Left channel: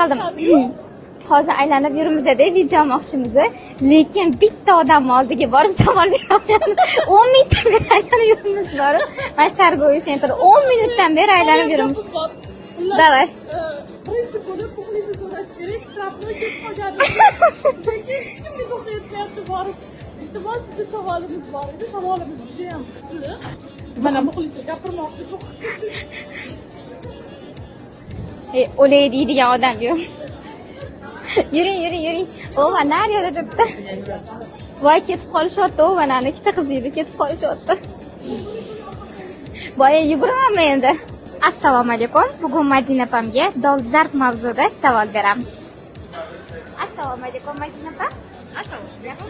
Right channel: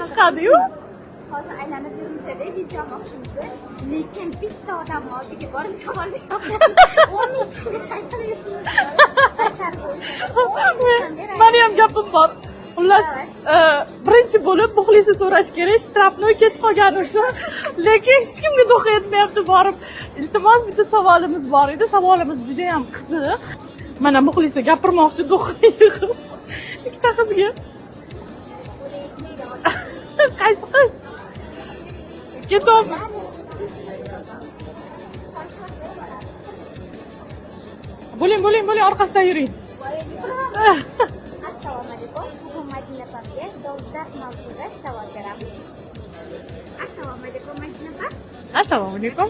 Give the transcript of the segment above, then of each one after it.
qildim. Hozir aylanib yuribmiz-da, video olmoqchimiz. Lekin bitta odam oldiga borib savol beraman. 10 minutdan beri aylanib yuribmiz borib. Mana Targoviy Center 10 minutdan beri aylanib yuribmiz. Davay. Birinchi bo'lib Muxlisni so'rash kerak, shtrafni ketib qolganimizni. Lekin hech kimga do'q etmayapti borib. Iltimos, bitta savolimiz bor edi. Savolimiz juda ham qiziq. Mana Muxlisga gapirmoqchi do'q. Ikkita qizga. O'lay deydigan odam yo'q. Qaysi qiz? Yuring. O'g'il naryoqda turibdi. Voy ketib qolishyapti, mana ikkita qiz edi, ketib qolishyapti. Bo'ling, orqasidan yuring. Boya yuguramanmi endi? Assalomu alaykum. Bugun Madina opamga dolzarb mavzuda savol beramiz. Assalomu alaykum Madina opa. Assalomu alaykum.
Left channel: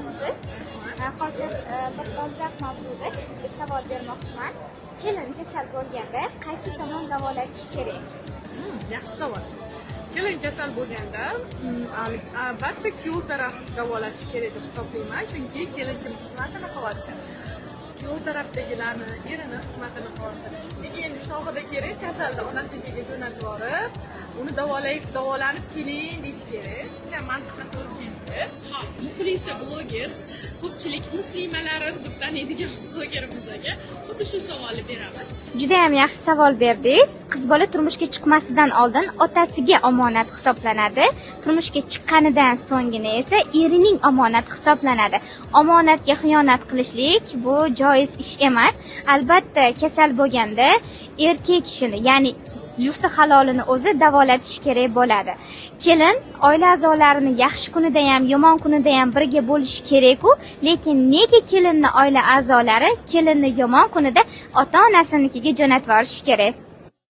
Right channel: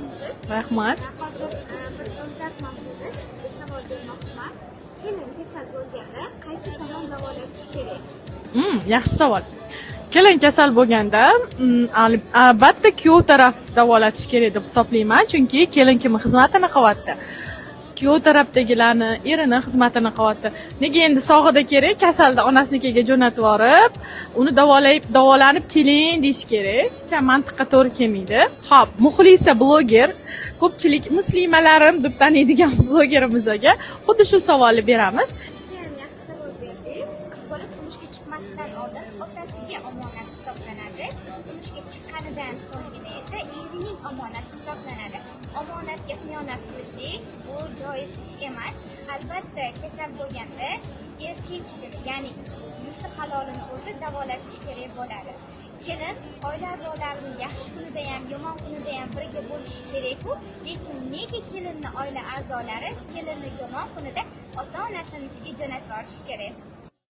Rahmat. Hozir bir dolzarb mavzuda sizga savol bermoqchiman. Kelin kasal bo'lganda qaysi tomon davolatish kerak? Yaxshi savol. Kelin kasal bo'lganda albatta kuyov taraf davolatish kerak deb hisoblayman, chunki kelin kimning xizmatini qilyapti? Kuyov tarafdagilarni, erini xizmatini qilyapti. Nega endi sog'ida kerak, kasalda onasinikiga jo'natib yorib, uni davolanib keling deyish kerak. Hech mantiqqa to'g'ri kelmaydi. Xo'p, Muxlisa bloger, ko'pchilik muslimalarim deb taniydigan blogerimizga xuddi shu savolni beramiz. Juda ham yaxshi savol berdingiz. Qiz bola turmushga chiqmasidan oldin otasiga omonat hisoblanadi. Turmushga chiqqanidan so'nggina esa erining omonat hisoblanadi. Omonatga xiyonat qilishlik bu joiz ish emas. Albatta kasal bo'lganda erkak kishini, ya'ni jufti halolini o'zi davolatish kerak bo'ladi. Kelin oila a'zolarini yaxshi kunida ham, yomon kunida ham birga bo'lishi kerak-ku, lekin nega kelinni oila a'zolari kelinni yomon kunida ota-onasinikiga jo'natib yuborishi kerak?